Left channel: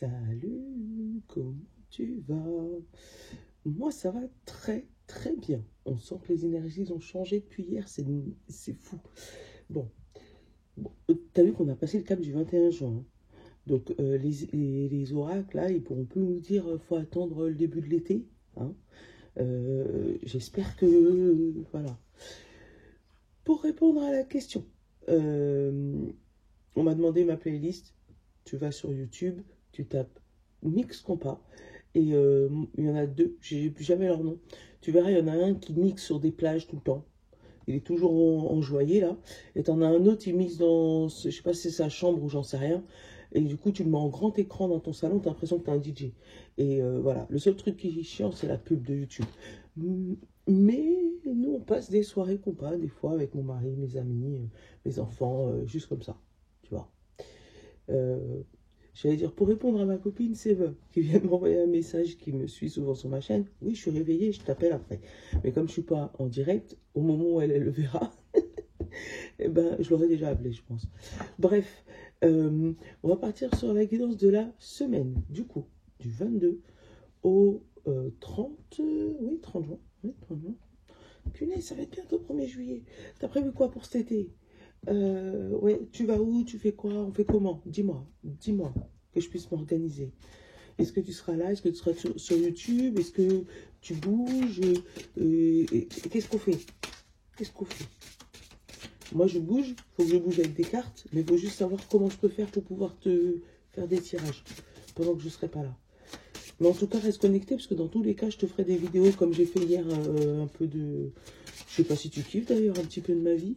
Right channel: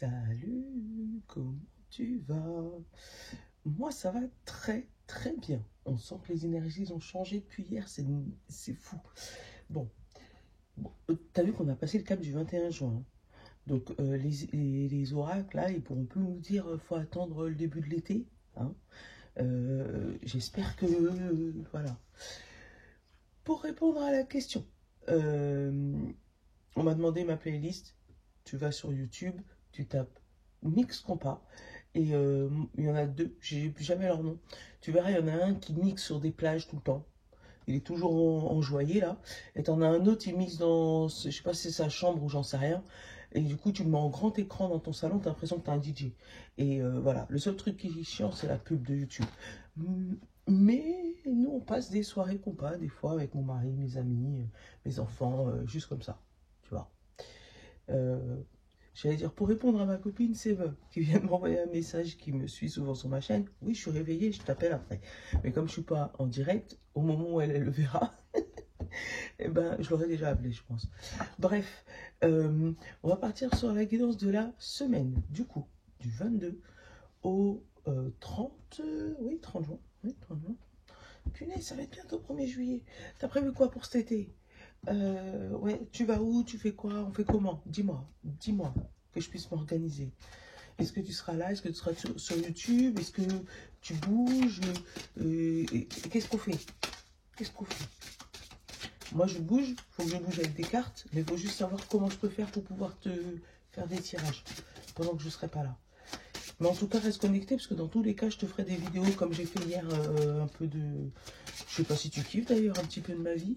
Salut, comment tu vas? Moi, ça va très très bien. On sent que les énergies ont changé depuis hier, c'est fou. Bon, t'as vu qu'on a passé le cap du 21 juin. Donc, les oracles, là, ils pourront plus nous dire faut attendre le début de l'été. Hein. J'espère que... voilà. Pour répondre à la question, on m'a demandé ma playlist. Tu vas sur YouTube, tu tapes Mix Compas. Et il y en a deux, j'ai plus jamais leur nom. Tu verras, il y en a un qui mixe sur des plages tout le temps. Il est toujours enjoyé là. Et t'en as un autre, il mixe dans, je sais pas si c'est sa chambre ou j'en sais rien. Et du coup, tu le mets en grand écran dans ton salon, t'as l'impression que t'es un DJ. Et voilà, le seul truc qui est chiant, c'est la pub de YouTube. Mais nous, on passe des soirées compas, des fois, avec mon mari, mes amis, mes enfants, juste comme ça, tu vois. J'allais dire, pour répondre à ma copine Sève, qui vient de m'envoyer un message, qui me suit souvent sur ma chaîne. Oui, je suis réveillée, je t'appelle après. Mais comme je suis pas en direct, au moment où elle le verra, eh ben, je l'aurais déjà appelé, je pense. Bref, on va partir sur la guidance de la semaine, du coup, du 22 au 30, oui, 30 juin. Oui, 30 juin. Punaise, ça va être bientôt 1er juillet. T'as prévu quoi pour cet été? Ouais, tu vas où? Tu fais quoi? On fait comment? Dis-moi, que je puisse m'organiser. Est-ce que tu seras là? Est-ce que tu seras sur YouTube? Est-ce que tu bouges? Qu'est-ce qu'on fait? Qu'est-ce qu'on fait? Moi, je bouge. Il faut que je bouge avec des cartes. Mais il faut juste savoir comment je peux faire pour pouvoir te faire des tirages pendant que je ne serai pas là. Mais en tout cas, reste connecté parce que dans tous les cas, je te ferai des vidéos comme j'ai fait hier, un peu de... Je sais pas si tu kiffes d'ailleurs, un petit peu de ma vie.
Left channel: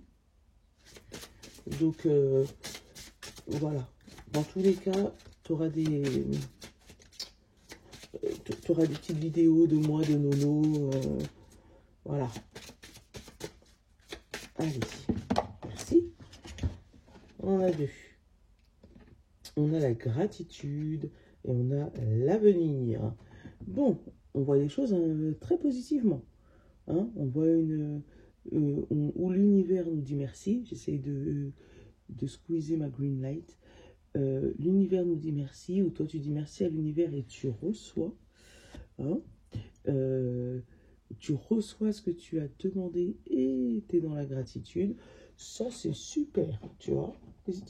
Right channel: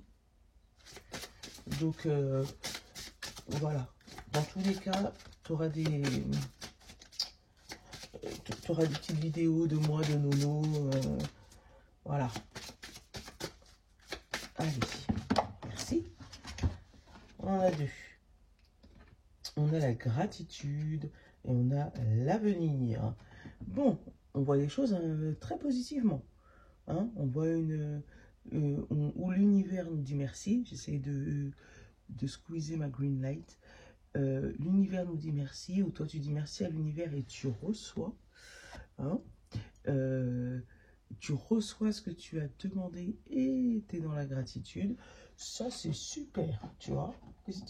Donc, voilà. Dans tous les cas, tu auras des petites vidéos de moi, de Nono. Voilà. Allez. Merci. On a deux. On a la gratitude et on a l'avenir. Bon, on voit les choses très positivement. Hein, on voit où l'univers nous dit merci. J'essaie de squeezer ma green light. L'univers nous dit merci, ou toi tu dis merci à l'univers et tu reçois. Hein, tu reçois ce que tu as demandé et tu es dans la gratitude. Ça, c'est super, tu vois.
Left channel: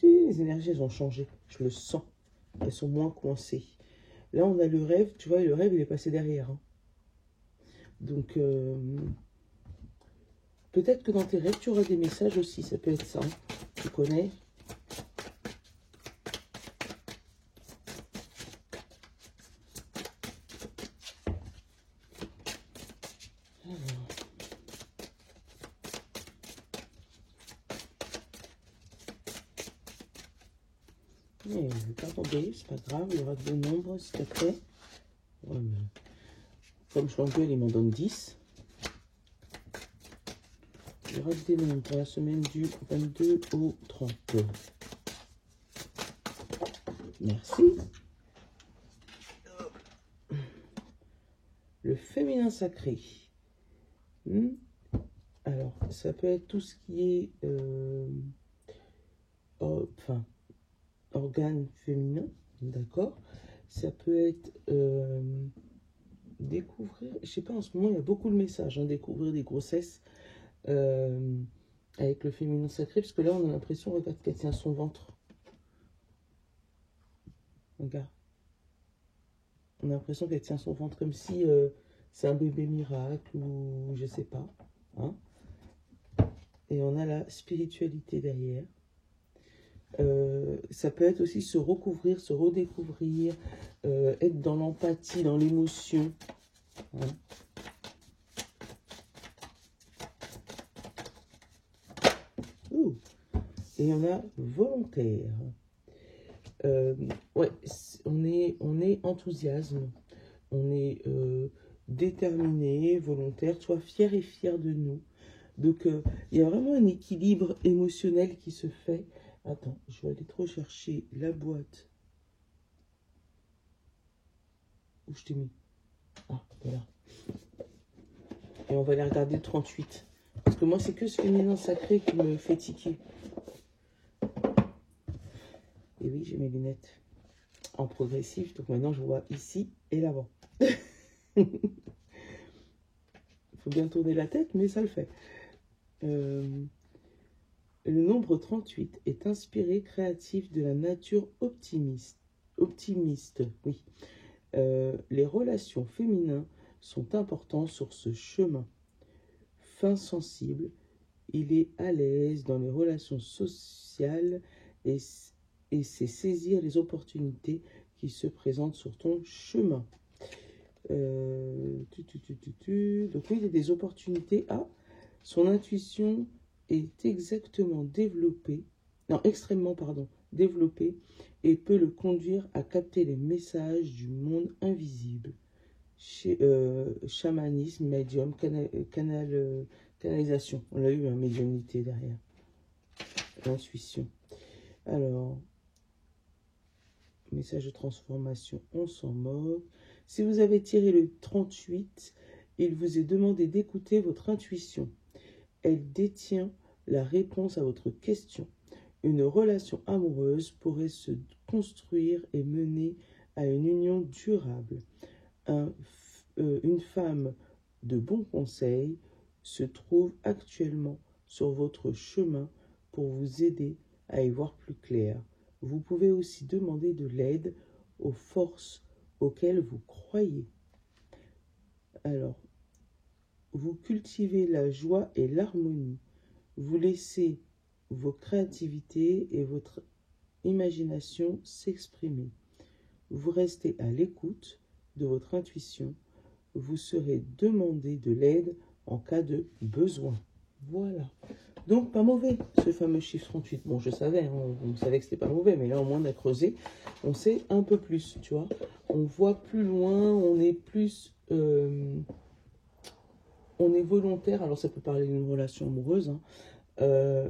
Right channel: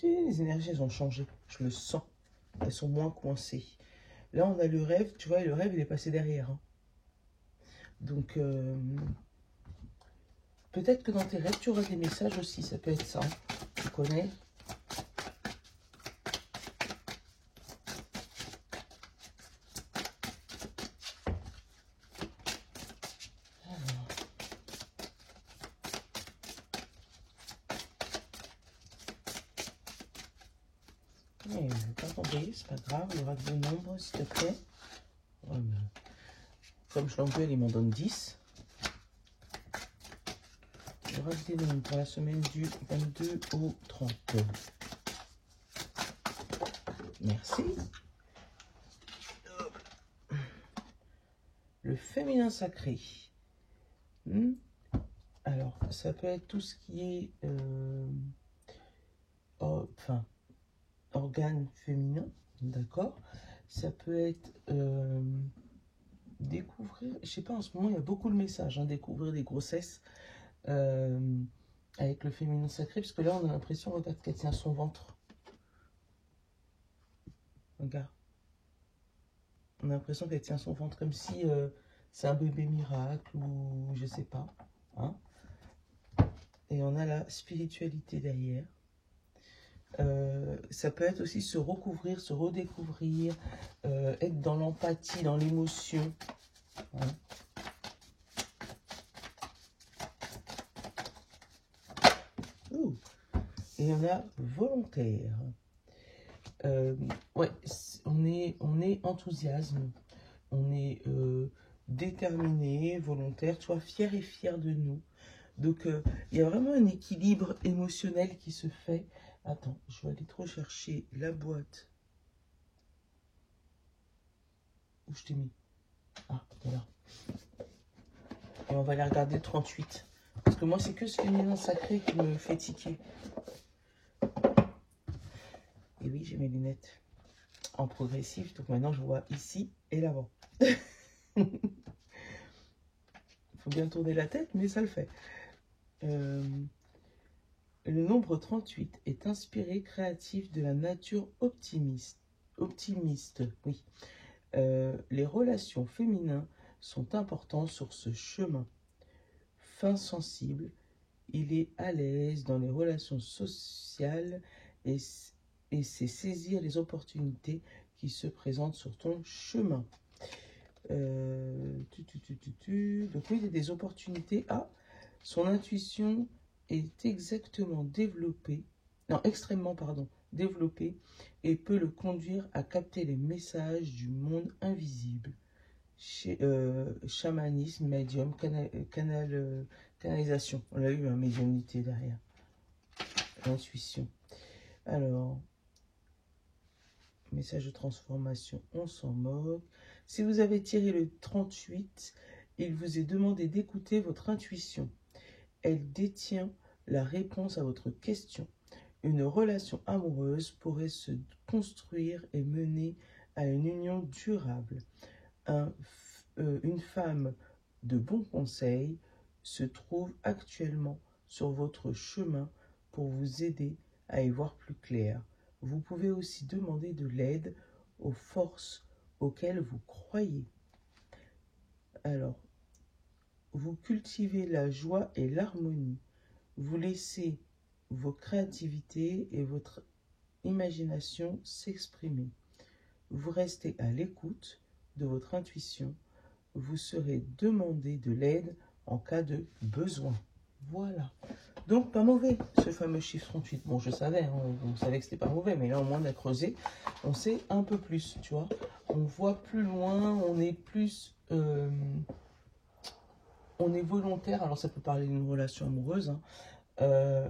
Les énergies, elles ont changé. Je le sens. Elles sont moins coincées. Là, on a le rêve, tu vois, et le rêve, il est passé derrière. Hein. Donc, peut-être que dans tes rêves, tu auras des messages aussi. Ça peut être ça. Hein. Tu connais. Attendez, c'est pas grave, il y aura de bons nombres, s'il te plaît. Ouais, comme je l'engueule, il m'en donne 10. Il y aura des nombres pour la semaine du 22 au 30. Merci. Le féminin sacré. Alors, ça peut être tout ce qui est... organes féminins, d'accord. Ça peut être découvrir, je sais pas, en ce moment il y a beaucoup de messages, hein, découvrir des grossesses avec le féminin sacré, parce que là on a l'impression, regarde, qu'elle tient son ventre. Regarde. On a l'impression qu'elle tient son ventre comme si c'est un bébé miracle ou je sais pas. Hein. Et on a la spiritualité derrière. Ça peut être aussi se recouvrir, se redécouvrir, être dans l'empathie, dans l'émotion. Hein. Et il y en a volontaire. Ouais, on est enthousiasme, on est déterminé, volontaire, sois fier et fier de nous. Donc, il y a vraiment un équilibre émotionnel qui se fait. Attends, je vais aller trop chercher la boîte. Où je t'ai mis? Ah, voilà. Et on va aller regarder le 38. Parce que moi, c'est que ce féminin sacré qui me fait tiquer. Et oui, j'ai mes lunettes. en progressif. Donc maintenant, je vois ici et là-bas. Il faut bien tourner la tête, mais ça le fait. Le nombre 38 est inspiré, créatif, de la nature optimiste. Optimiste, oui. Les relations féminines sont importantes sur ce chemin. Fin sensible, il est à l'aise dans les relations sociales et sait saisir les opportunités qui se présentent sur ton chemin. Donc oui, il y a des opportunités. Ah, son intuition est extrêmement développée et peut le conduire à capter les messages du monde invisible. Chamanisme, médium, canalisation. On a eu un médiumnité derrière. Intuition. Alors, message de transformation, on s'en moque. Si vous avez tiré le 38, il vous est demandé d'écouter votre intuition. Elle détient la réponse à votre question. Une relation amoureuse pourrait se construire et mener à une union durable. Une femme de bons conseils se trouve actuellement sur votre chemin pour vous aider à y voir plus clair. Vous pouvez aussi demander de l'aide aux forces auxquelles vous croyez. Alors, vous cultivez la joie et l'harmonie. Vous laissez vos créativités et votre imagination s'exprimer. Vous restez à l'écoute de votre intuition. Vous serez demandé de l'aide en cas de besoin. Voilà. Donc, pas mauvais, ce fameux chiffre 38. Bon, je savais, hein, on savait que c'était pas mauvais, mais là, au moins, on a creusé. On sait un peu plus, tu vois. On voit plus loin, on est plus... on est volontaire. Alors, ça peut parler d'une relation amoureuse, hein,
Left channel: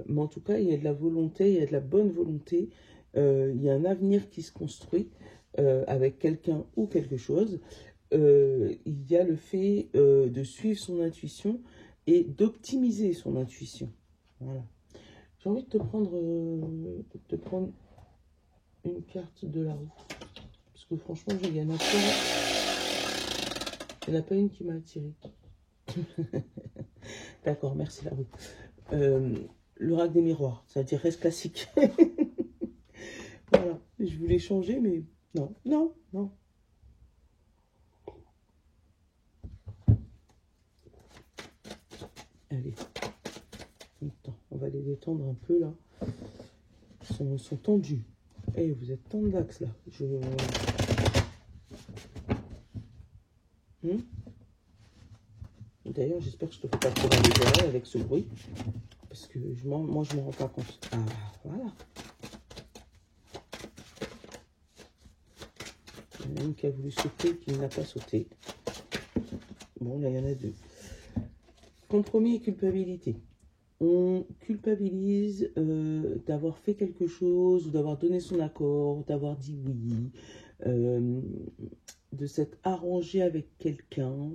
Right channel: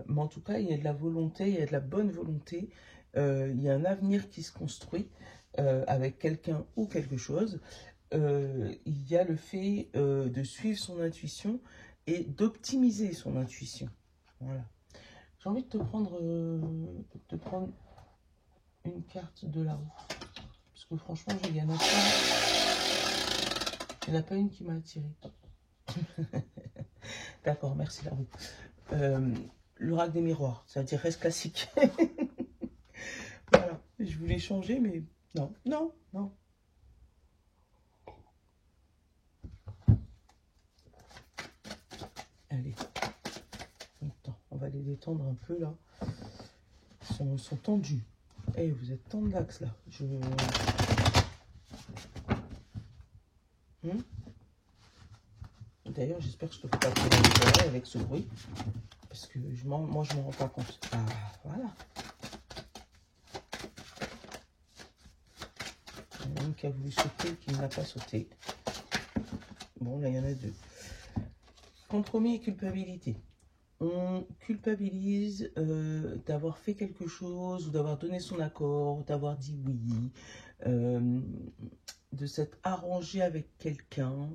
mais en tout cas, il y a de la volonté, il y a de la bonne volonté. Il y a un avenir qui se construit avec quelqu'un ou quelque chose. Il y a le fait de suivre son intuition et d'optimiser son intuition. Voilà. J'ai envie de te prendre une carte de la roue. Parce que franchement, j'ai gagné ça. Il n'y en a pas une qui m'a attiré. D'accord, merci la roue. L'oracle des miroirs, ça veut dire reste classique. Voilà, je voulais changer, mais non, non, non. Allez, on va les détendre un peu là. Ils sont tendus. Et vous êtes tendax là. D'ailleurs, j'espère que je te fais pas tirer les oreilles avec ce bruit. Parce que moi, je ne me rends pas compte. Ah, voilà. Il y en a une qui a voulu sauter, qui n'a pas sauté. Bon, là, il y en a deux. Compromis et culpabilité. On culpabilise d'avoir fait quelque chose, ou d'avoir donné son accord, d'avoir dit oui, de s'être arrangé avec quelqu'un,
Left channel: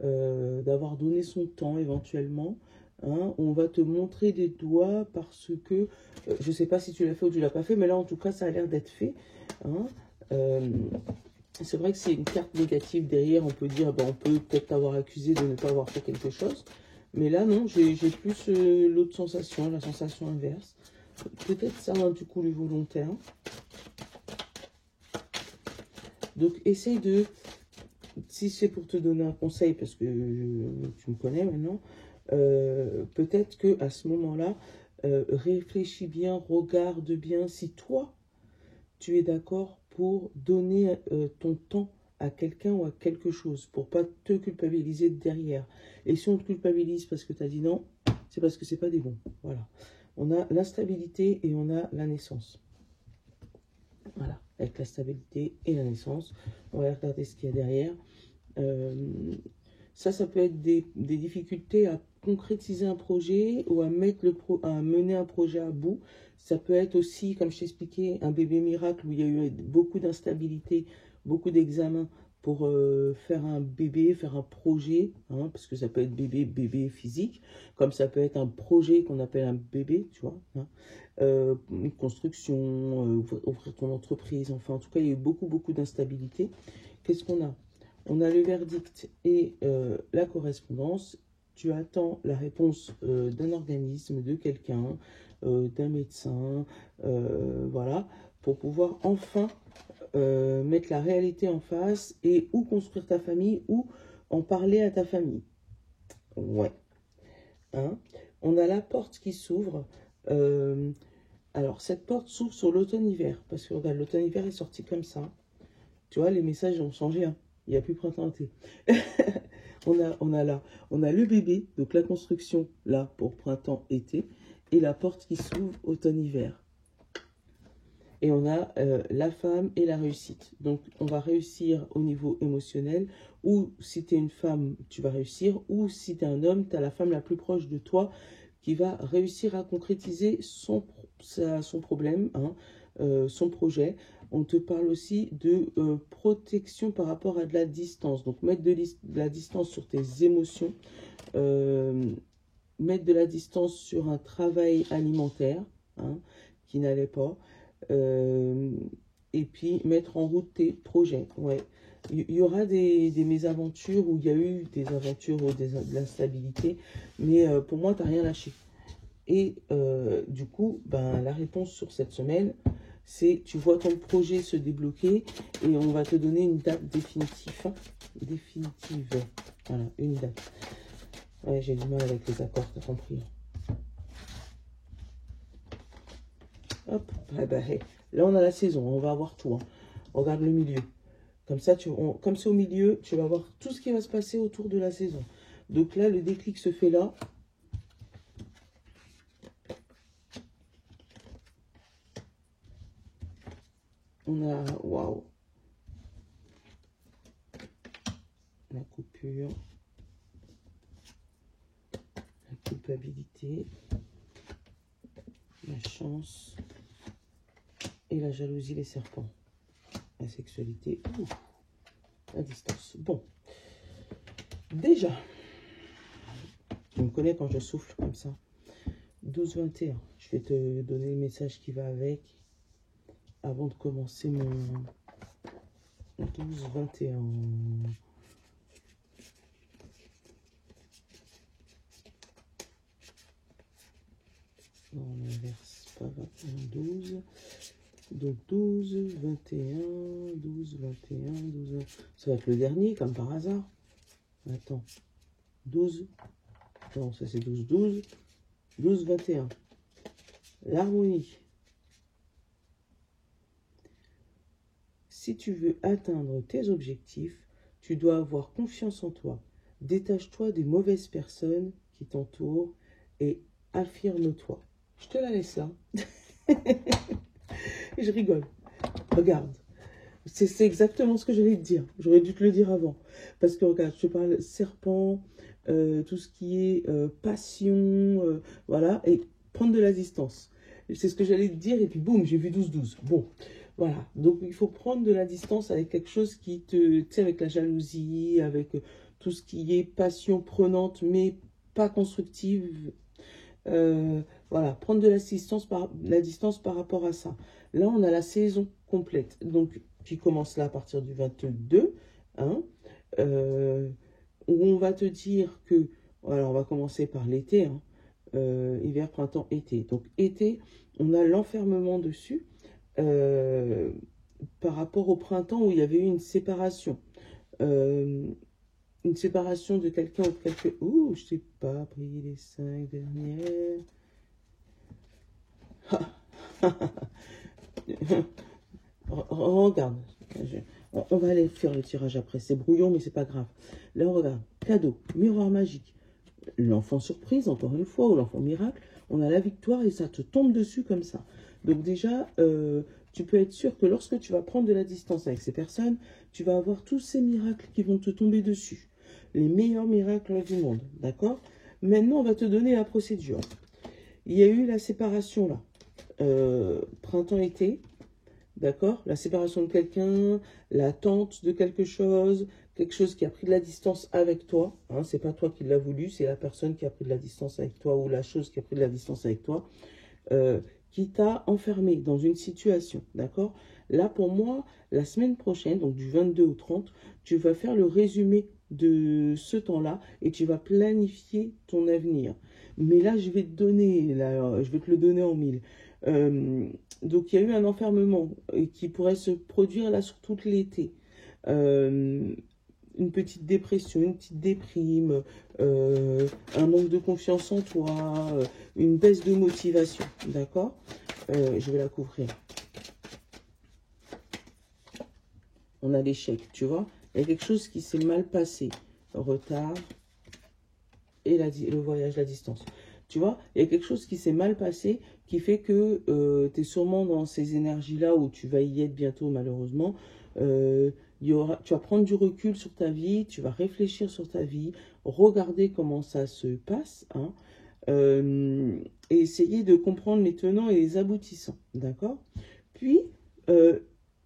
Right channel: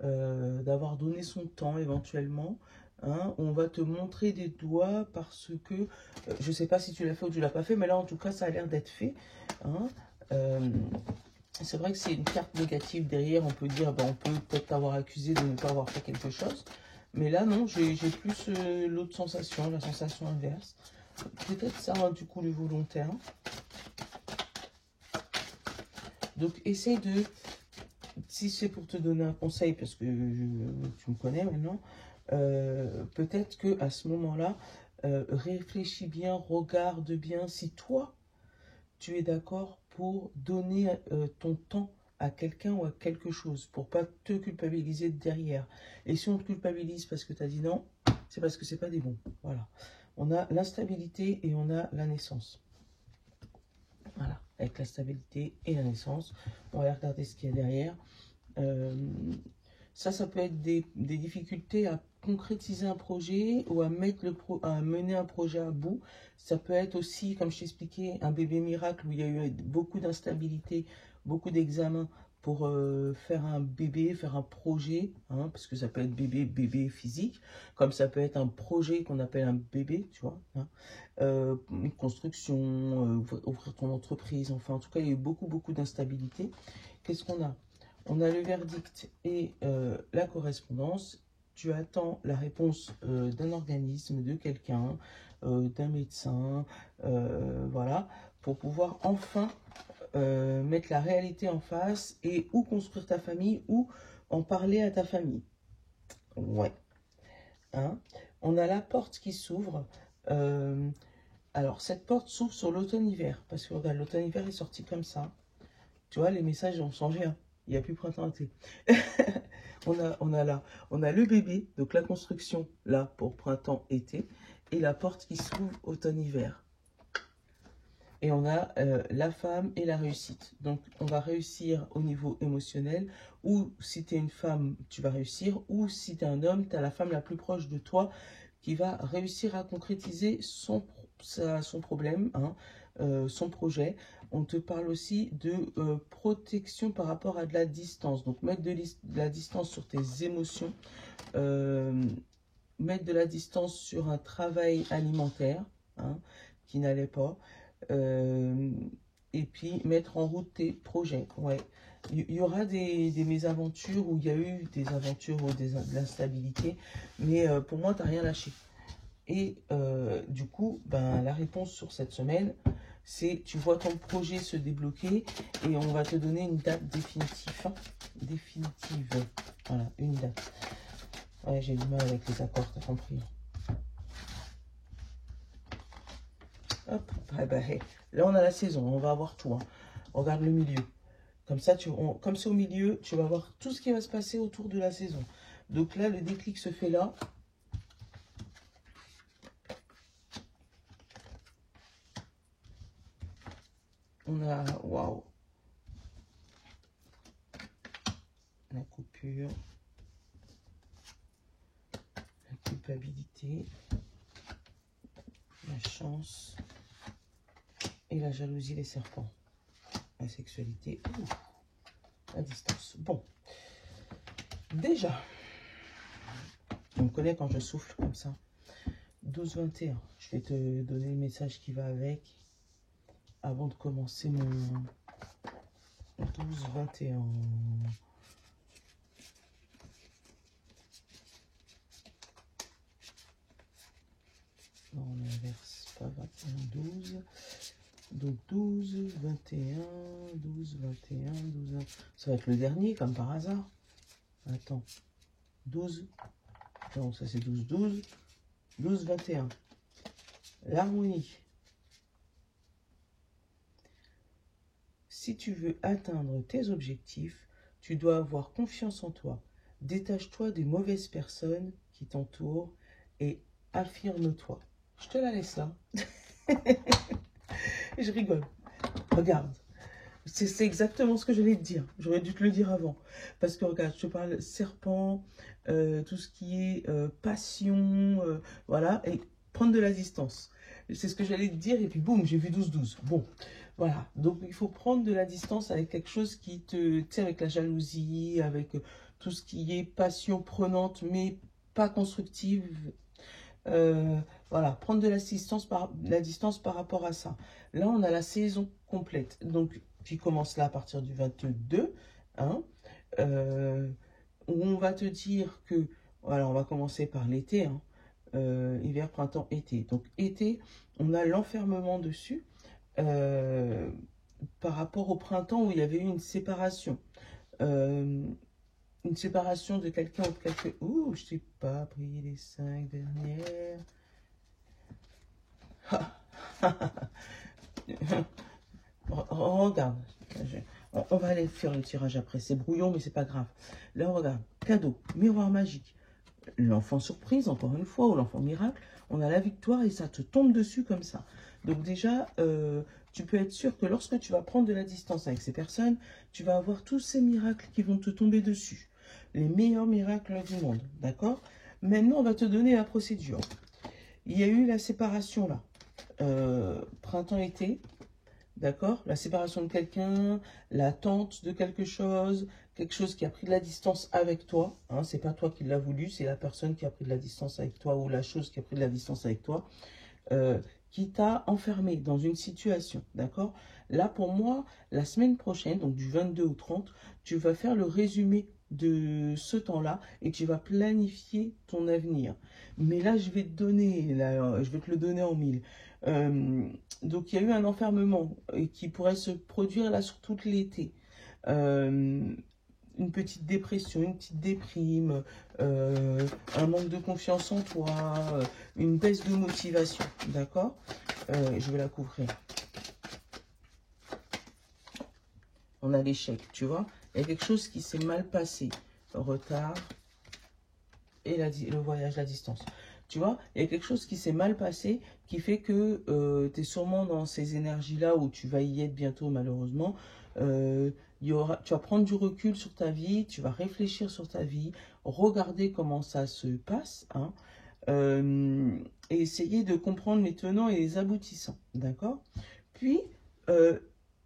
d'avoir donné son temps éventuellement. Hein. On va te montrer des doigts parce que, je ne sais pas si tu l'as fait ou tu ne l'as pas fait, mais là en tout cas ça a l'air d'être fait. Hein. C'est vrai que c'est une carte négative derrière, on peut dire, ben, on peut peut-être t'avoir accusé de ne pas avoir fait quelque chose. Mais là, non, j'ai plus l'autre sensation, la sensation inverse. Peut-être ça, hein, du coup, le volontaire. Donc, essaye de, si c'est pour te donner un conseil, parce que tu me connais maintenant, peut-être qu'à ce moment-là, réfléchis bien, regarde bien si toi, tu es d'accord pour donner ton temps à quelqu'un ou à quelque chose, pour pas te culpabiliser derrière. Et si on te culpabilise parce que tu as dit non, c'est parce que c'est pas des bons. Voilà. On a l'instabilité et on a la naissance. Voilà. Avec la stabilité et la naissance, on va regarder ce qu'il y a derrière. Ça peut être des difficultés à concrétiser un projet ou à mener un projet à bout. Ça peut être aussi, comme je t'expliquais, un bébé miracle où il y a eu beaucoup d'instabilité, beaucoup d'examens pour faire un bébé, faire un projet, hein, parce que ça peut être bébé physique, comme ça peut être un projet qu'on appelle un bébé, tu vois, hein, une construction, ouvrir ton entreprise, enfin en tout cas il y a eu beaucoup d'instabilité. Qu'est-ce qu'on a? On a le verdict et la correspondance. Tu attends la réponse d'un organisme, de quelqu'un, d'un médecin, voilà, pour pouvoir enfin mettre la réalité en face et ou construire ta famille ou en parler à ta famille. Ouais. Hein, on a la porte qui s'ouvre. Alors, cette porte s'ouvre sur l'automne-hiver. Parce que, regarde, l'automne-hiver est sorti comme ça. Tu vois, les messages ont changé. Hein. Il n'y a plus printemps-été. on a le bébé, donc la construction, là, pour printemps-été. Et la porte qui s'ouvre automne-hiver. Et on a la femme et la réussite. Donc, on va réussir au niveau émotionnel. Ou si tu es une femme, tu vas réussir. Ou si tu es un homme, tu as la femme la plus proche de toi qui va réussir à concrétiser son problème, hein, son projet. On te parle aussi de protection par rapport à de la distance. Donc, mettre de la distance sur tes émotions. Mettre de la distance sur un travail alimentaire, hein, qui n'allait pas. Et puis mettre en route tes projets. Ouais. Il y aura des mésaventures où il y a eu des aventures ou de l'instabilité, mais pour moi, tu n'as rien lâché. Et du coup, ben, la réponse sur cette semaine, c'est tu vois ton projet se débloquer et on va te donner une date définitive. Hein, définitive. Voilà, une date. Ouais, j'ai du mal avec les accords, t'as compris. Hop, ah bah, hey. Là on a la saison, on va avoir tout. Hein. Regarde le milieu. Comme ça, comme c'est au milieu, tu vas voir tout ce qui va se passer autour de la saison. Donc là, le déclic se fait là. On a, waouh, la coupure, la culpabilité, la chance et la jalousie, les serpents. La sexualité, la distance. Bon, déjà, on me connaît quand je souffle comme ça. 12-21, je vais te donner le message qui va avec avant de commencer mon 12-21. Non, on inverse pas 21-12. Donc 12, 21, 12, 21, 12. Ça va être le dernier, comme par hasard. Attends. 12. Non, ça c'est 12, 12. 12, 21. L'harmonie. Si tu veux atteindre tes objectifs, tu dois avoir confiance en toi. Détache-toi des mauvaises personnes qui t'entourent et affirme-toi. Je te la laisse là. Je rigole. Regarde. C'est exactement ce que j'allais te dire. J'aurais dû te le dire avant. Parce que regarde, je te parle serpent, tout ce qui est passion, voilà, et prendre de la distance. C'est ce que j'allais te dire, et puis boum, j'ai vu 12-12. Bon, voilà. Donc, il faut prendre de la distance avec quelque chose qui te... Tu sais, avec la jalousie, avec tout ce qui est passion prenante, mais pas constructive. Voilà, prendre de la distance par rapport à ça. Là, on a la saison complète. Donc, qui commence là à partir du 22, hein, où on va te dire que, voilà, on va commencer par l'été, hein, hiver, printemps, été. Donc, été, on a l'enfermement dessus, par rapport au printemps où il y avait eu une séparation. Une séparation de quelqu'un ou de quelqu'un. Ouh, je t'ai pas pris les 5 dernières. Regarde. On va aller faire le tirage après. C'est brouillon, mais c'est pas grave. Là, on regarde. Cadeau, miroir magique. L'enfant surprise, encore une fois, ou l'enfant miracle. On a la victoire et ça te tombe dessus comme ça. Donc déjà, tu peux être sûr que lorsque tu vas prendre de la distance avec ces personnes, tu vas avoir tous ces miracles qui vont te tomber dessus. Les meilleurs miracles du monde, d'accord? Maintenant, on va te donner la procédure. Il y a eu la séparation là, printemps-été. d'accord? La séparation de quelqu'un, l'attente de quelque chose qui a pris de la distance avec toi, hein, c'est pas toi qui l'as voulu, c'est la personne qui a pris de la distance avec toi ou la chose qui a pris de la distance avec toi, qui t'a enfermé dans une situation, d'accord? Là, pour moi, la semaine prochaine, donc du 22 au 30, tu vas faire le résumé de ce temps-là et tu vas planifier ton avenir. Mais là, je vais te donner, là, je vais te le donner en mille. Donc, il y a eu un enfermement qui pourrait se produire là sur tout l'été. Une petite dépression, une petite déprime, un manque de confiance en toi, une baisse de motivation, d'accord? Je vais la couvrir. On a l'échec, tu vois? Il y a quelque chose qui s'est mal passé. Retard et le voyage, la distance. Tu vois? Il y a quelque chose qui s'est mal passé qui fait que tu es sûrement dans ces énergies-là où tu vas y être bientôt, malheureusement. Tu vas prendre du recul sur ta vie, tu vas réfléchir sur ta vie, regarder comment ça se passe, hein, et essayer de comprendre les tenants et les aboutissants, d'accord? Puis,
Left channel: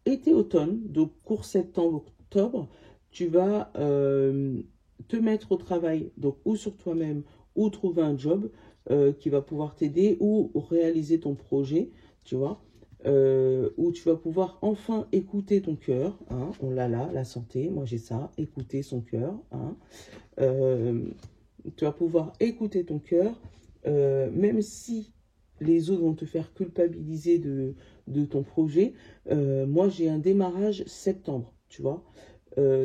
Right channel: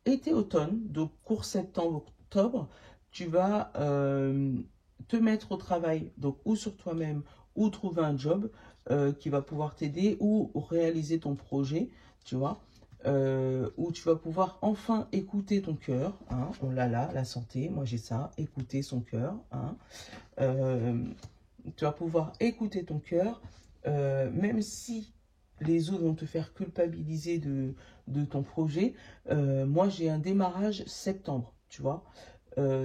été-automne, donc cours septembre-octobre, tu vas te mettre au travail, donc ou sur toi-même, ou trouver un job qui va pouvoir t'aider, ou réaliser ton projet, tu vois, où tu vas pouvoir enfin écouter ton cœur, hein, on l'a là, la santé, moi j'ai ça, écouter son cœur, hein, tu vas pouvoir écouter ton cœur, même si les autres vont te faire culpabiliser de ton projet. Moi, j'ai un démarrage septembre, tu vois.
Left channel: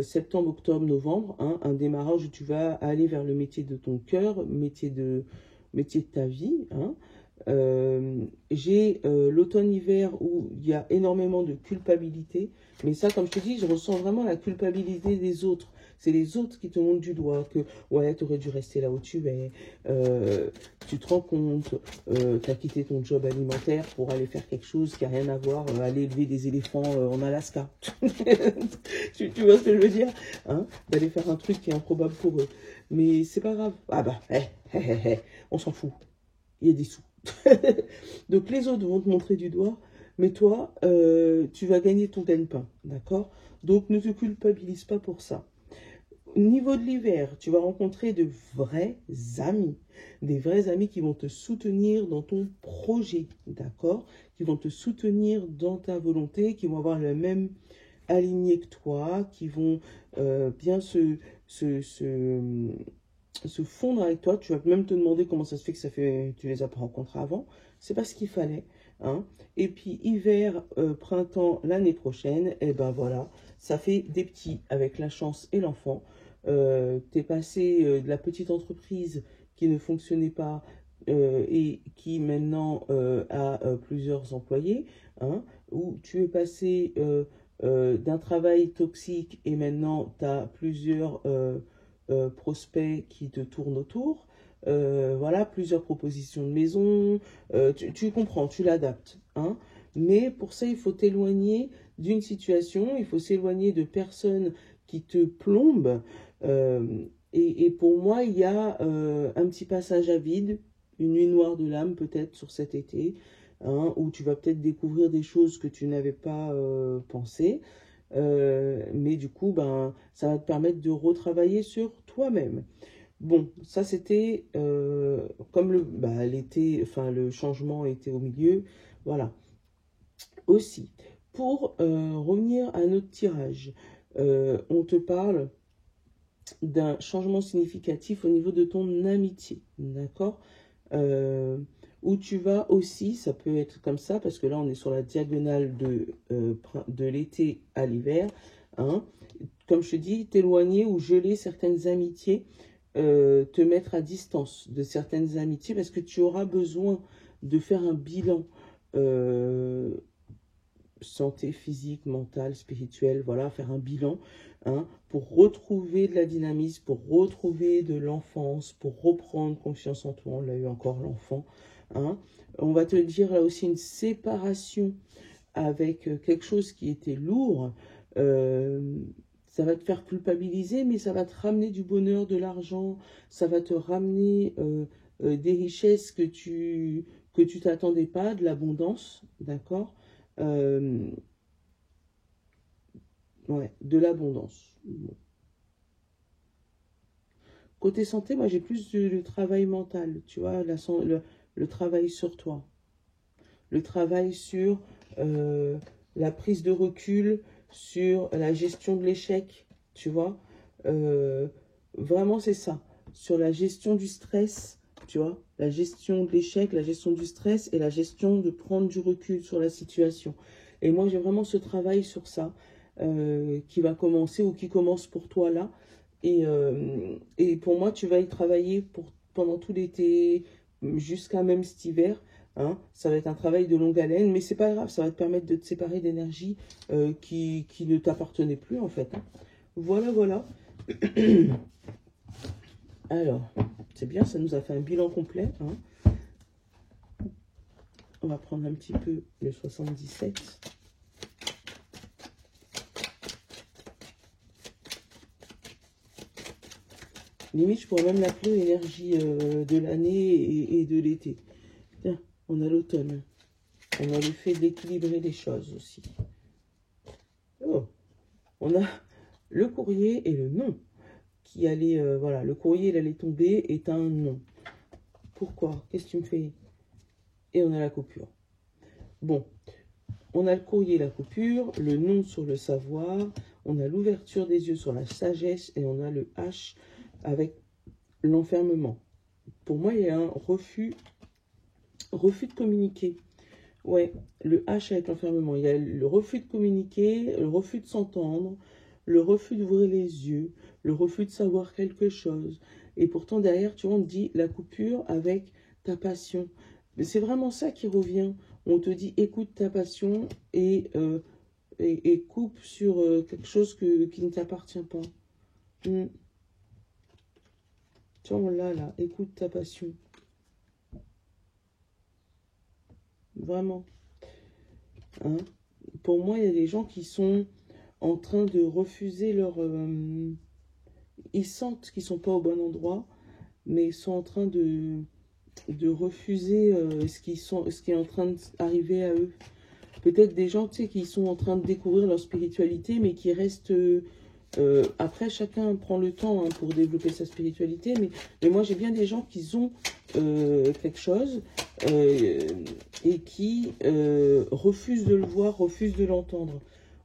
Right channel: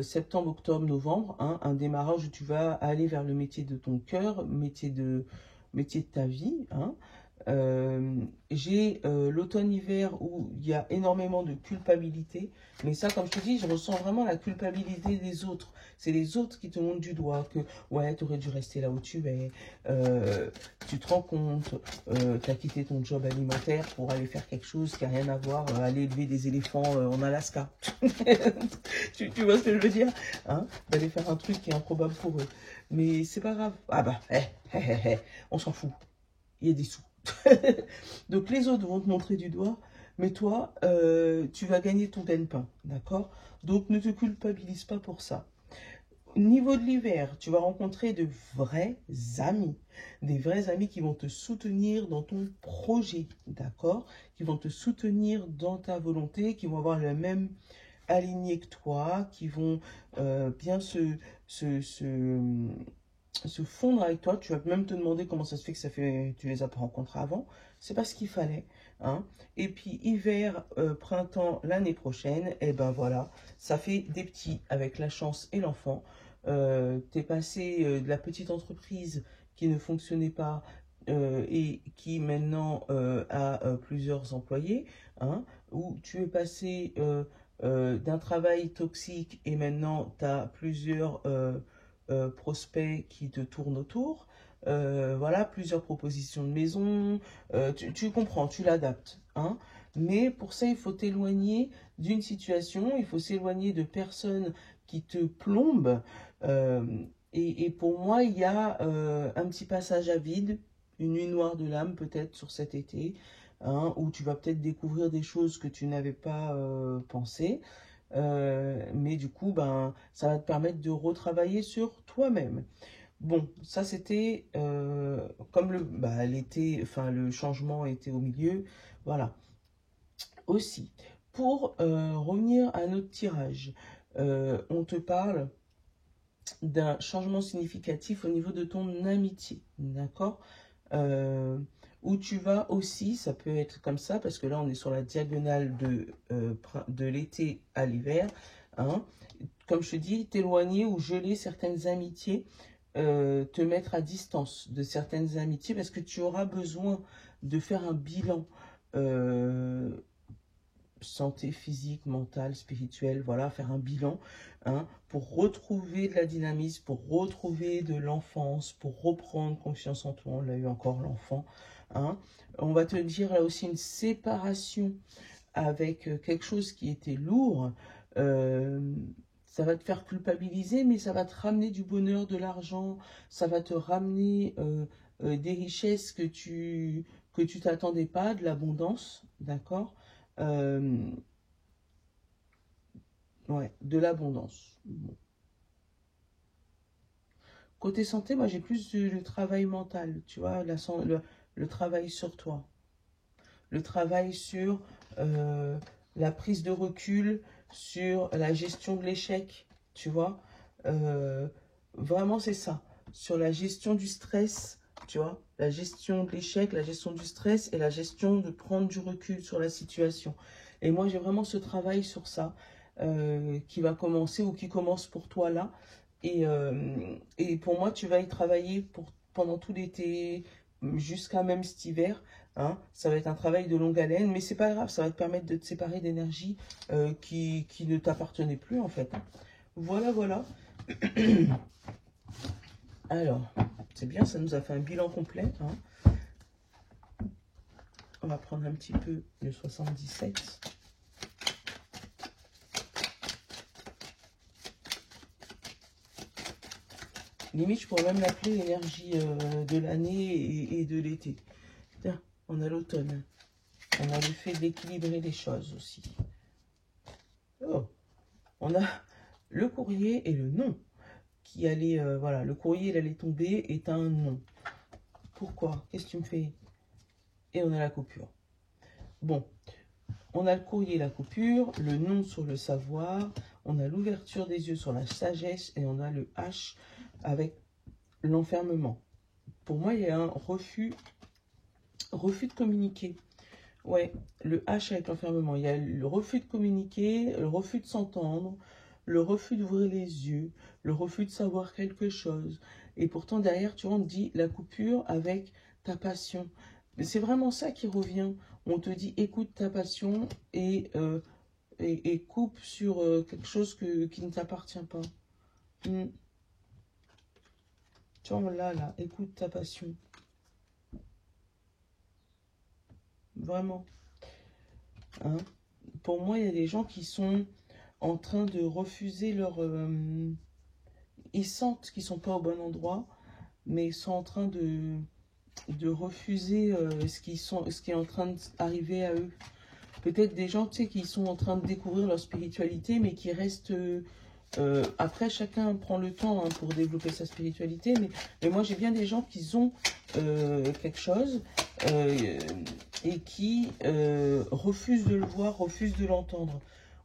Septembre, octobre, novembre, hein, un démarrage où tu vas aller vers le métier de ton cœur, métier de ta vie. Hein. J'ai l'automne-hiver où il y a énormément de culpabilité. Mais ça, comme je te dis, je ressens vraiment la culpabilité des autres. C'est les autres qui te montrent du doigt que, ouais, tu aurais dû rester là où tu es. Tu te rends compte, tu as quitté ton job alimentaire pour aller faire quelque chose qui n'a rien à voir, aller élever des éléphants en Alaska. tu vois ce que je veux dire, hein, d'aller faire un truc qui est improbable pour eux. Mais c'est pas grave. Ah bah, on s'en fout. Il y a des sous. Donc les autres vont te montrer du doigt, mais toi, tu vas gagner ton gagne-pain, d'accord? Donc ne te culpabilise pas pour ça. Au niveau de l'hiver, tu vas rencontrer de vrais amis, des vrais amis qui vont te soutenir dans ton projet, d'accord? Qui vont te soutenir dans ta volonté, qui vont avoir la même alignée que toi, qui vont bien se fondre avec toi. Tu vas même te demander comment ça se fait que tu les as pas rencontrés avant. C'est pas ce qu'il fallait, hein. Et puis hiver, printemps l'année prochaine, et ben voilà, ça fait des petits avec la chance et l'enfant. T'es passé de la petite entreprise qui ne fonctionnait pas et qui maintenant a plusieurs employés, hein, où tu es passé d'un travail toxique et maintenant tu as plusieurs prospects qui te tournent autour. Voilà, plusieurs propositions de maison, tu comprends, tu l'adaptes, hein. Mais pour ça, il faut t'éloigner d'une situation, il faut s'éloigner de personnes qui te plombent. Et pour moi, il y a un petit passage à vide, une nuit noire de l'âme peut-être sur cet été, hein, où tu vas peut-être découvrir des choses que tu n'avais pas pensé. Mais du coup, ben, ça va te permettre de retravailler sur toi-même. Bon, ça c'était comme l'été, enfin le changement était au milieu, voilà. Aussi, pour revenir à notre tirage, on te parle d'un changement significatif au niveau de ton amitié, d'accord, où tu vas aussi, ça peut être comme ça, parce que là on est sur la diagonale de l'été à l'hiver, hein, comme je te dis, t'éloigner ou geler certaines amitiés, te mettre à distance de certaines amitiés, parce que tu auras besoin de faire un bilan santé physique, mentale, spirituelle, voilà, faire un bilan, hein, pour retrouver de la dynamisme, pour retrouver de l'enfance, pour reprendre confiance en toi, on l'a eu encore l'enfant, hein. On va te dire là aussi une séparation avec quelque chose qui était lourd, ça va te faire culpabiliser, mais ça va te ramener du bonheur, de l'argent, ça va te ramener des richesses que tu t'attendais pas, de l'abondance, d'accord? Ouais, de l'abondance. Bon. Côté santé, moi j'ai plus le travail mental, tu vois, le travail sur toi. Le travail sur la prise de recul, sur la gestion de l'échec, tu vois. Vraiment, c'est ça. Sur la gestion du stress, tu vois. La gestion de l'échec, la gestion du stress et la gestion de prendre du recul sur la situation. Et moi, j'ai vraiment ce travail sur ça qui va commencer ou qui commence pour toi là. Et pour moi, tu vas y travailler pendant tout l'été, jusqu'à même cet hiver. Hein, ça va être un travail de longue haleine, mais c'est pas grave, ça va te permettre de te séparer d'énergie qui ne t'appartenait plus en fait. Hein. Voilà, voilà. Alors, c'est bien, ça nous a fait un bilan complet. Hein. On va prendre un petit peu le 77. Limite, je pourrais même l'appeler l'énergie de l'année et de l'été. On a l'automne. On a le fait d'équilibrer les choses aussi. Oh. On a le courrier et le non. Qui allait, voilà, le courrier, il allait tomber, est un non. Pourquoi? Qu'est-ce que tu me fais? Et on a la coupure. Bon, on a le courrier, la coupure, le non sur le savoir, on a l'ouverture des yeux sur la sagesse et on a le H avec l'enfermement. Pour moi, il y a un refus de communiquer. Ouais, le H avec l'enfermement. Il y a le refus de communiquer, le refus de s'entendre, le refus d'ouvrir les yeux, le refus de savoir quelque chose. Et pourtant, derrière, tu vois, on te dit la coupure avec ta passion. C'est vraiment ça qui revient. On te dit écoute ta passion et coupe sur quelque chose qui ne t'appartient pas. Tu vois, on l'a là, écoute ta passion. Vraiment. Hein? Pour moi, il y a des gens qui sont en train de refuser leur... ils sentent qu'ils ne sont pas au bon endroit, mais ils sont en train de refuser ce qui est en train d'arriver à eux. Peut-être des gens, tu sais, qui sont en train de découvrir leur spiritualité, mais qui restent... après, chacun prend le temps hein, pour développer sa spiritualité, mais moi, j'ai bien des gens qui ont quelque chose et qui refusent de le voir, refusent de l'entendre.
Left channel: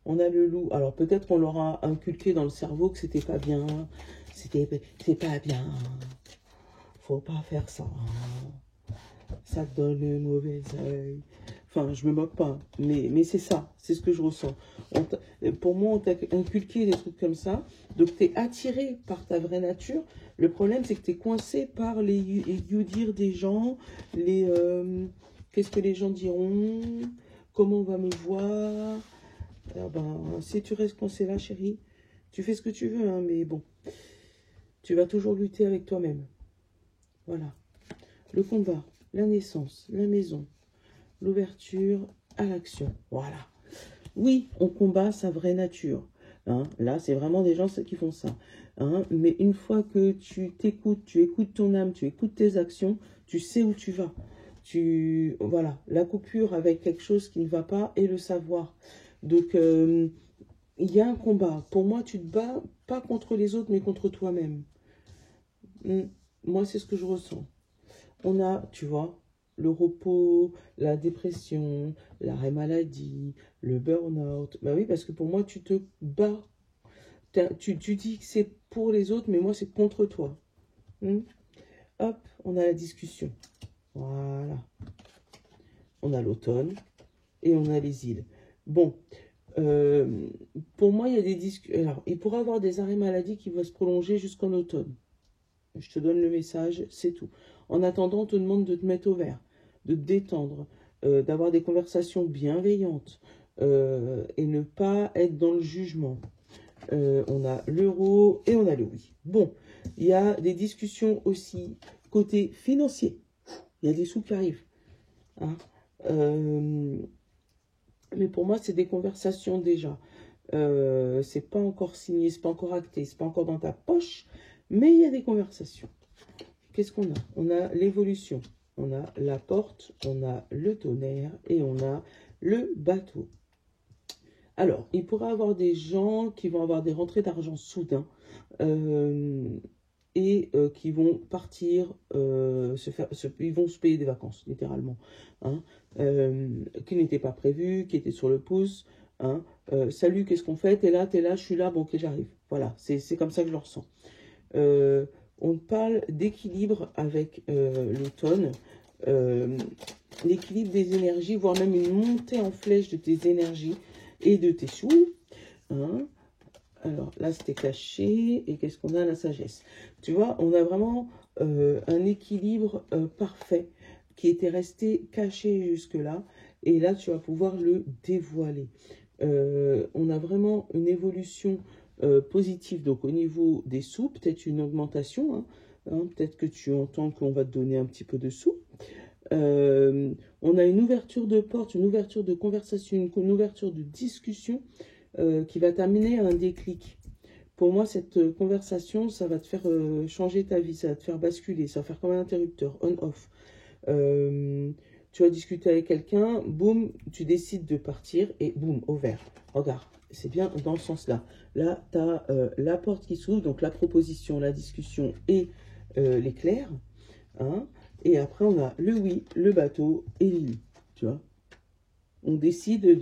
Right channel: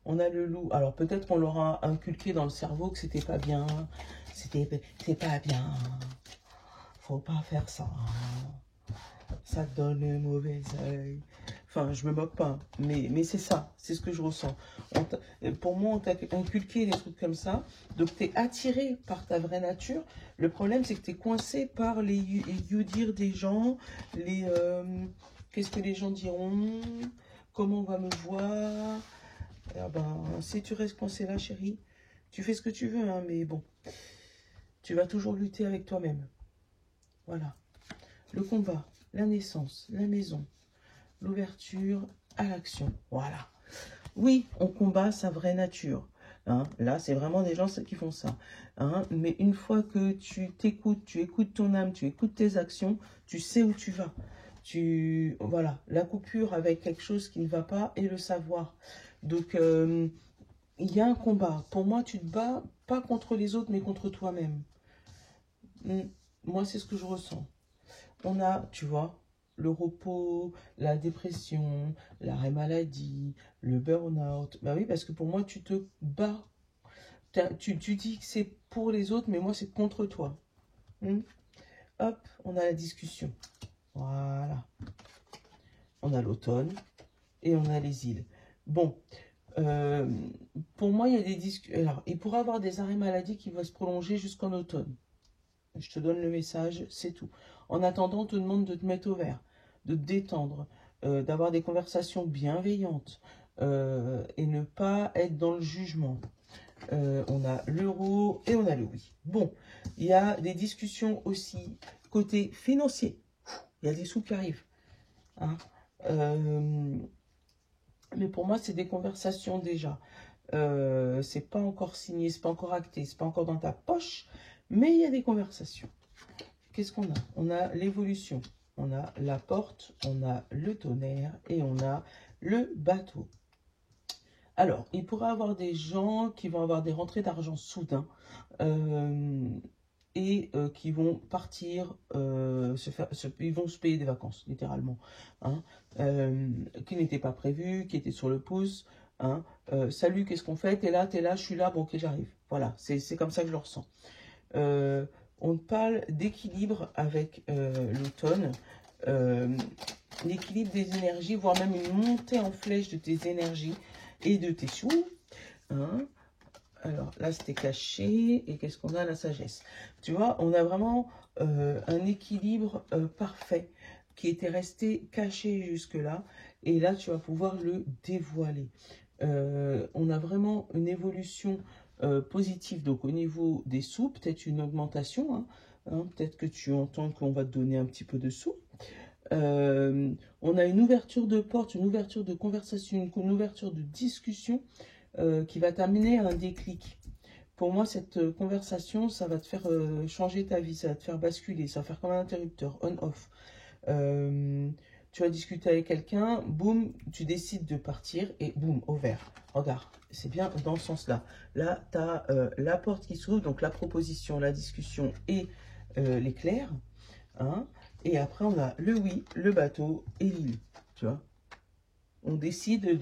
On a le loup. Alors, peut-être qu'on leur a inculqué dans le cerveau que c'était pas bien. C'est pas bien. Faut pas faire ça. Ça te donne le mauvais œil. Enfin, je me moque pas, mais c'est ça, c'est ce que je ressens. Pour moi, on t'a inculqué des trucs comme ça, donc tu es attiré par ta vraie nature. Le problème, c'est que tu es coincé par les you-dire des gens, les qu'est-ce que les gens diront, comment on va me voir. Ah ben, si tu restes coincé là, chérie, tu fais ce que tu veux, hein, mais bon, tu vas toujours lutter avec toi-même. Voilà. Le combat, la naissance, la maison, l'ouverture à l'action. Voilà. Oui, on combat sa vraie nature. Hein. Là, c'est vraiment des gens qui font ça. Hein. Mais une fois que tu t'écoutes, tu écoutes ton âme, tu écoutes tes actions, tu sais où tu vas. Voilà, la coupure avec quelque chose qui ne va pas et le savoir. Donc, il y a un combat. Pour moi, tu te bats pas contre les autres, mais contre toi-même. Moi, c'est ce que je ressens. On a, tu vois, le repos, la dépression, l'arrêt maladie, le burn-out. Ben oui, parce que pour moi, tu te bats. Tu dis que c'est pour les autres, mais moi, c'est contre toi. Hop, on a la discussion. Voilà. On a l'automne et on a les îles. Bon, pour moi, il y a des discussions. Alors, il pourrait y avoir des arrêts maladie qui vont se prolonger jusqu'en automne. Je te donne le message, c'est tout. En attendant, on te demande de te mettre au vert, de te détendre, d'avoir des conversations bienveillantes et ne pas être dans le jugement. On a l'euro et on a le oui. Bon, il y a des discussions aussi côté financier. Il y a des sous qui arrivent. Hein. Mais pour moi, c'est des conversations déjà. C'est pas encore signé, c'est pas encore acté, c'est pas encore dans ta poche, mais il y a des conversations. Qu'est-ce qu'on a? On a l'évolution, on a la porte, on a le tonnerre et on a le bateau. Alors, il pourrait y avoir des gens qui vont avoir des rentrées d'argent soudain et qui vont partir, ils vont se payer des vacances, littéralement, hein, qui n'étaient pas prévues, qui étaient sur le pouce. Hein, salut, qu'est-ce qu'on fait? T'es là, je suis là, bon, ok, j'arrive. Voilà, c'est comme ça que je le ressens. On parle d'équilibre avec l'automne, l'équilibre des énergies, voire même une montée en flèche de tes énergies et de tes sous. Hein. Alors là, c'était caché. Et qu'est-ce qu'on a? La sagesse. Tu vois, on a vraiment un équilibre parfait qui était resté caché jusque-là. Et là, tu vas pouvoir le dévoiler. On a vraiment une évolution positive. Donc, au niveau des sous, peut-être une augmentation. Hein, peut-être que tu entends qu'on va te donner un petit peu de sous. On a une ouverture de porte, une ouverture de conversation, une ouverture de discussion qui va t'amener à un déclic. Pour moi, cette conversation, ça va te faire changer ta vie, ça va te faire basculer, ça va faire comme un interrupteur, on-off. Tu vas discuter avec quelqu'un, boum, tu décides de partir et boum, au vert. Regarde, c'est bien dans ce sens-là. Là, tu as la porte qui s'ouvre, donc la proposition, la discussion et l'éclair. Hein, et après, on a le oui, le bateau et l'île. Tu vois, on décide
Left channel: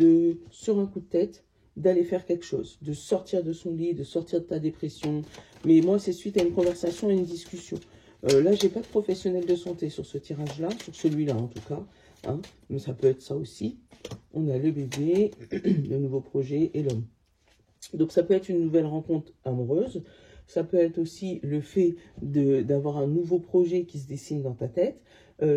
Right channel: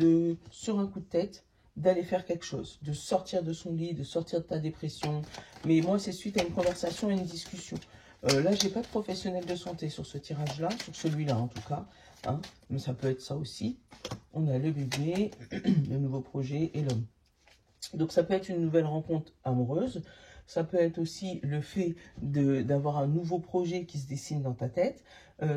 sur un coup de tête, d'aller faire quelque chose, de sortir de son lit, de sortir de ta dépression. Mais moi, c'est suite à une conversation et une discussion. Là, j'ai pas de professionnel de santé sur ce tirage-là, sur celui-là en tout cas. Hein, mais ça peut être ça aussi. On a le bébé, le nouveau projet et l'homme. Donc, ça peut être une nouvelle rencontre amoureuse. Ça peut être aussi le fait d'avoir un nouveau projet qui se dessine dans ta tête.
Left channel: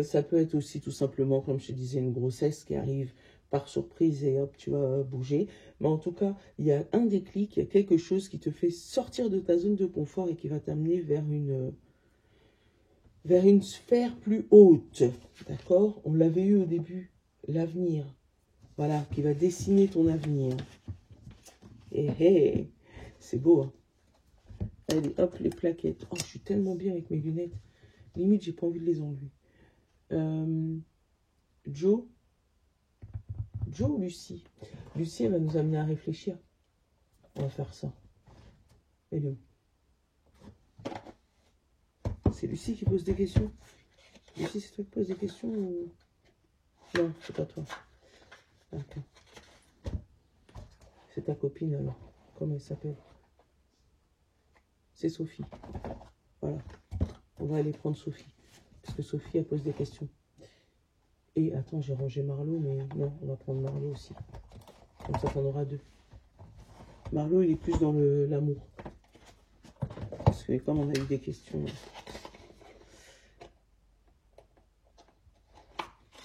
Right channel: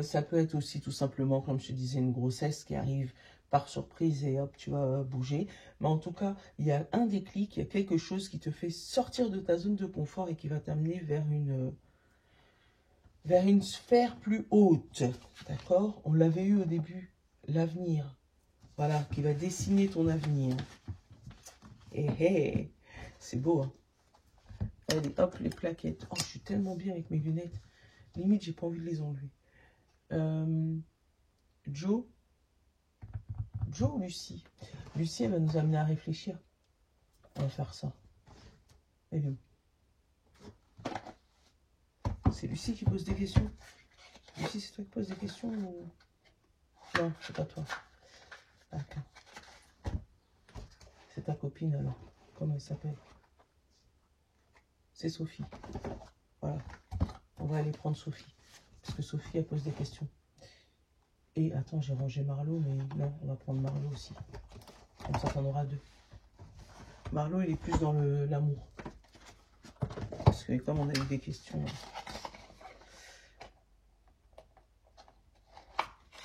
Ça peut être aussi tout simplement, comme je te disais, une grossesse qui arrive par surprise et hop, tu vas bouger. Mais en tout cas, il y a un déclic, il y a quelque chose qui te fait sortir de ta zone de confort et qui va t'amener vers une sphère plus haute. D'accord? On l'avait eu au début, l'avenir. Voilà, qui va dessiner ton avenir. Et hey, c'est beau, hein? Allez, hop, les plaquettes. Oh, je suis tellement bien avec mes lunettes. Limite, j'ai pas envie de les enlever. Joe ou Lucie? Lucie, elle va nous amener à réfléchir. On va faire ça. Elle est où? C'est Lucie qui pose des questions. Lucie, c'est toi qui poses des questions ou... Non, c'est pas toi. D'accord. C'est ta copine alors. Comment elle s'appelle? C'est Sophie. Voilà. On va aller prendre Sophie. Parce que Sophie, elle pose des questions. Et attends, j'ai rangé Marlot, mais non, on va prendre Marlot aussi. Comme ça, t'en aura deux. Marlot, il est plus dans l'amour. Parce que comme on a eu des questions...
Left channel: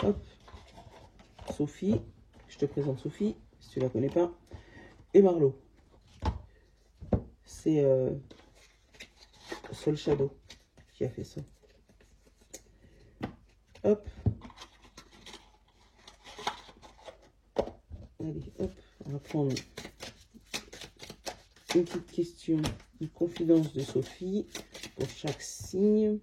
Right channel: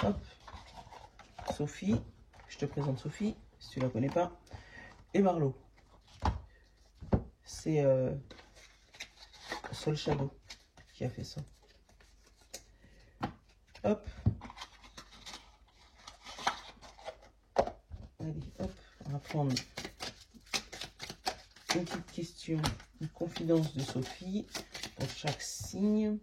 Hop. Sophie. Je te présente Sophie, si tu ne la connais pas. Et Marlot. C'est Soul Shadow qui a fait ça. Hop. Allez, hop. On va prendre une petite question, une confidence de Sophie pour chaque signe.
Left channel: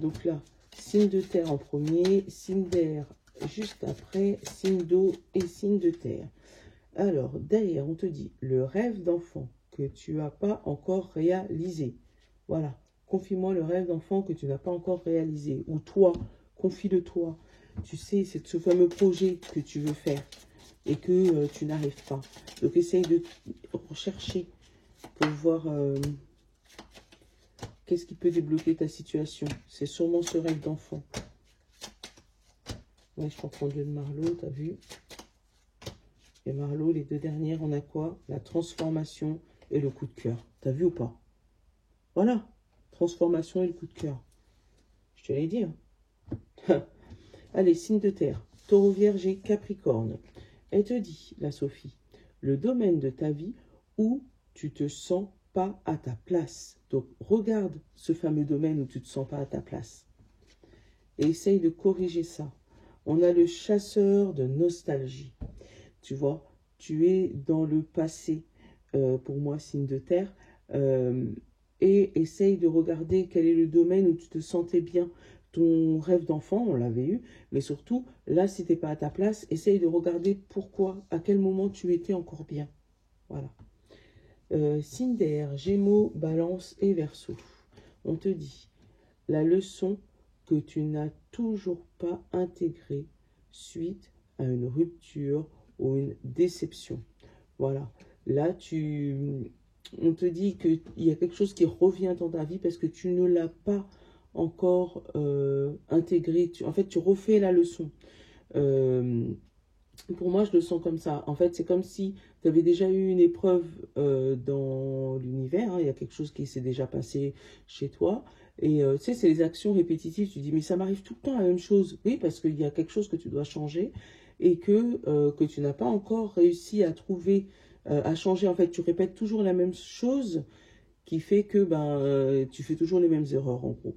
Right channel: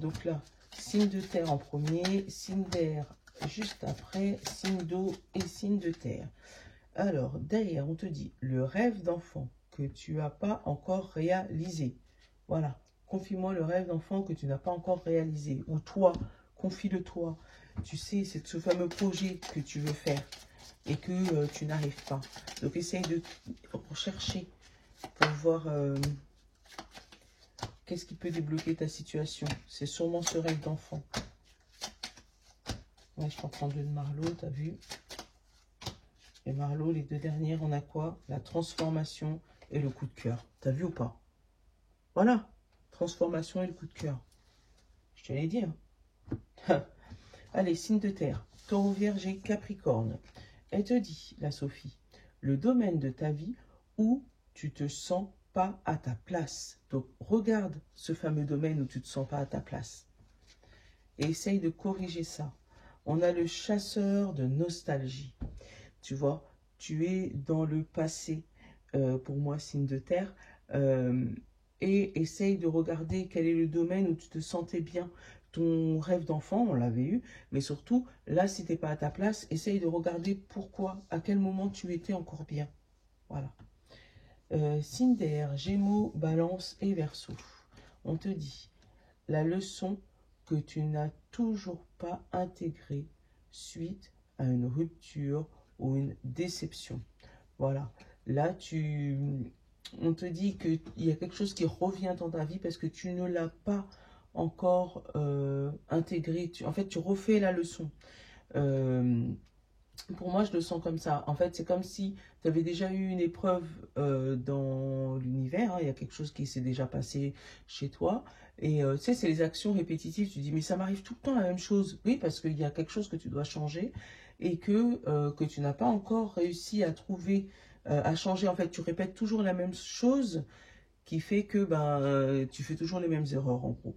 Donc là, signe de terre en premier, signe d'air juste après, signe d'eau et signe de terre. Alors, derrière, on te dit le rêve d'enfant que tu n'as pas encore réalisé. Voilà, confie-moi le rêve d'enfant que tu n'as pas encore réalisé. Ou toi, confie-le-toi. Tu sais, c'est ce fameux projet que tu veux faire et que tu n'arrives pas. Donc, essaye de rechercher pour voir qu'est-ce qui peut débloquer ta situation. C'est sûrement ce rêve d'enfant. Moi, je peux prendre le Marlot, t'as vu? Et Marlot, les deux dernières, on a quoi? La transformation et le coup de cœur. T'as vu ou pas? Voilà, transformation et le coup de cœur. Je te l'ai dit. Hein. Allez, signe de terre. Taureau, Vierge et Capricorne. Elle te dit, la Sophie, le domaine de ta vie où tu te sens pas à ta place. Donc, regarde ce fameux domaine où tu te sens pas à ta place. Et essaye de corriger ça. On a le chasseur de nostalgie. Tu vois, tu es dans le passé, pour moi, signe de terre, et essaye de regarder quel est le domaine où tu te sentais bien. ton rêve d'enfant, on l'avait eu, mais surtout, là, si tu n'es pas à ta place, essaye de regarder pourquoi, à quel moment tu étais encore bien. Voilà. Signe d'air, Gémeaux, Balance et Verseau. On te dit, la leçon que tu n'as toujours pas intégrée suite à une rupture ou une déception. Voilà. Là, on te dit qu'il y a quelque chose qui revient dans ta vie parce que tu ne l'as pas encore intégré. En fait, tu refais la leçon. Pour moi, je le sens comme ça. En fait, c'est comme si tu avais déjà eu une épreuve dans l'univers. Hein. Il y a quelque chose qui s'est déjà passé chez toi. Et tu sais, c'est les actions répétitives. Tu dis, mais ça m'arrive tout le temps la même chose. Oui, parce qu'il y a quelque chose que tu dois changer et que tu n'as pas encore réussi à trouver, à changer. En fait, tu répètes toujours la même chose qui fait que tu fais toujours les mêmes erreurs, en gros.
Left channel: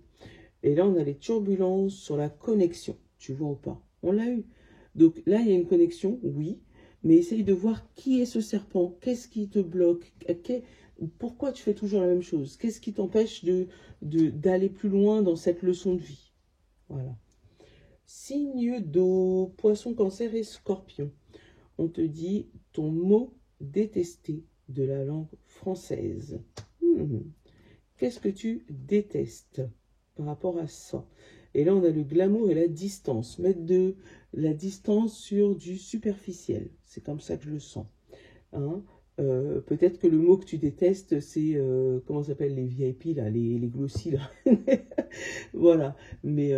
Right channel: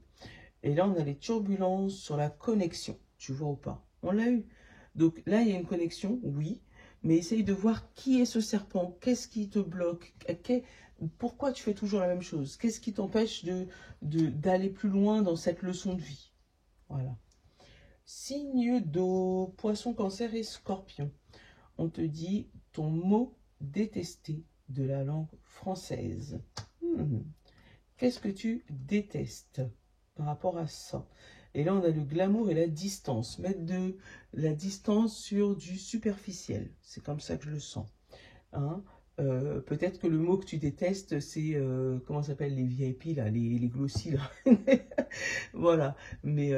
Et là, on a les turbulences sur la connexion. Tu vois ou pas? On l'a eu. Donc là, il y a une connexion, oui, mais essaye de voir qui est ce serpent, qu'est-ce qui te bloque, pourquoi tu fais toujours la même chose, qu'est-ce qui t'empêche d'aller plus loin dans cette leçon de vie. Voilà. Signe d'eau, Poisson, Cancer et Scorpion. On te dit ton mot détesté de la langue française. Qu'est-ce que tu détestes par rapport à ça? Et là, on a le glamour et la distance. Mettre de la distance sur du superficiel. C'est comme ça que je le sens. Hein? Peut-être que le mot que tu détestes, c'est, comment ça s'appelle, les VIP, là, les glossies, là. Voilà. Mais,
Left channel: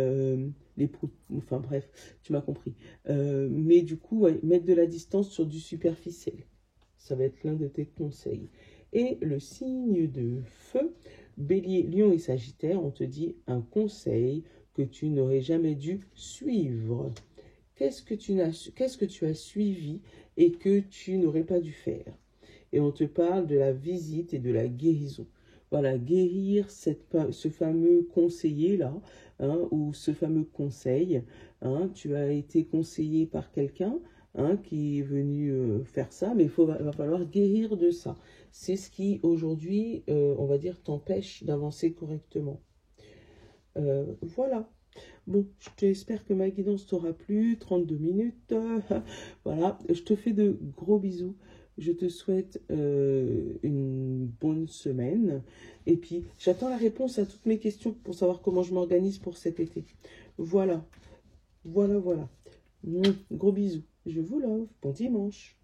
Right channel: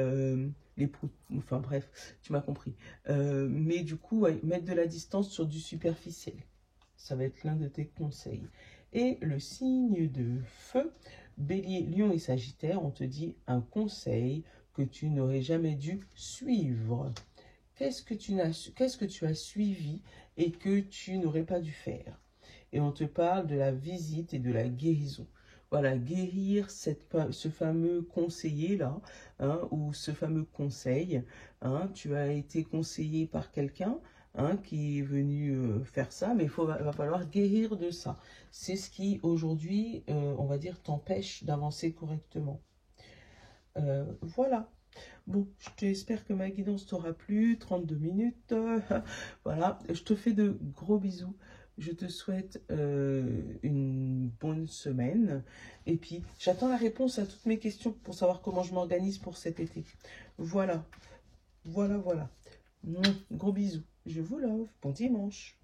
enfin bref, tu m'as compris. Mais du coup, ouais, mettre de la distance sur du superficiel. Ça va être l'un de tes conseils. Et le signe de feu, Bélier, Lion et Sagittaire, on te dit un conseil que tu n'aurais jamais dû suivre. Qu'est-ce que tu as suivi et que tu n'aurais pas dû faire? Et on te parle de la visite et de la guérison. Voilà, guérir ce fameux conseiller-là, hein, ou ce fameux conseil. Hein, tu as été conseillé par quelqu'un qui est venu faire ça, mais va falloir guérir de ça. C'est ce qui, aujourd'hui, on va dire, t'empêche d'avancer correctement. Voilà. Bon, j'espère que ma guidance t'aura plu. 32 minutes. Voilà. Je te fais de gros bisous. Je te souhaite une bonne semaine. Et puis, j'attends la réponse à toutes mes questions pour savoir comment je m'organise pour cet été. Voilà. Voilà, voilà. Gros bisous. Je vous love. Bon dimanche.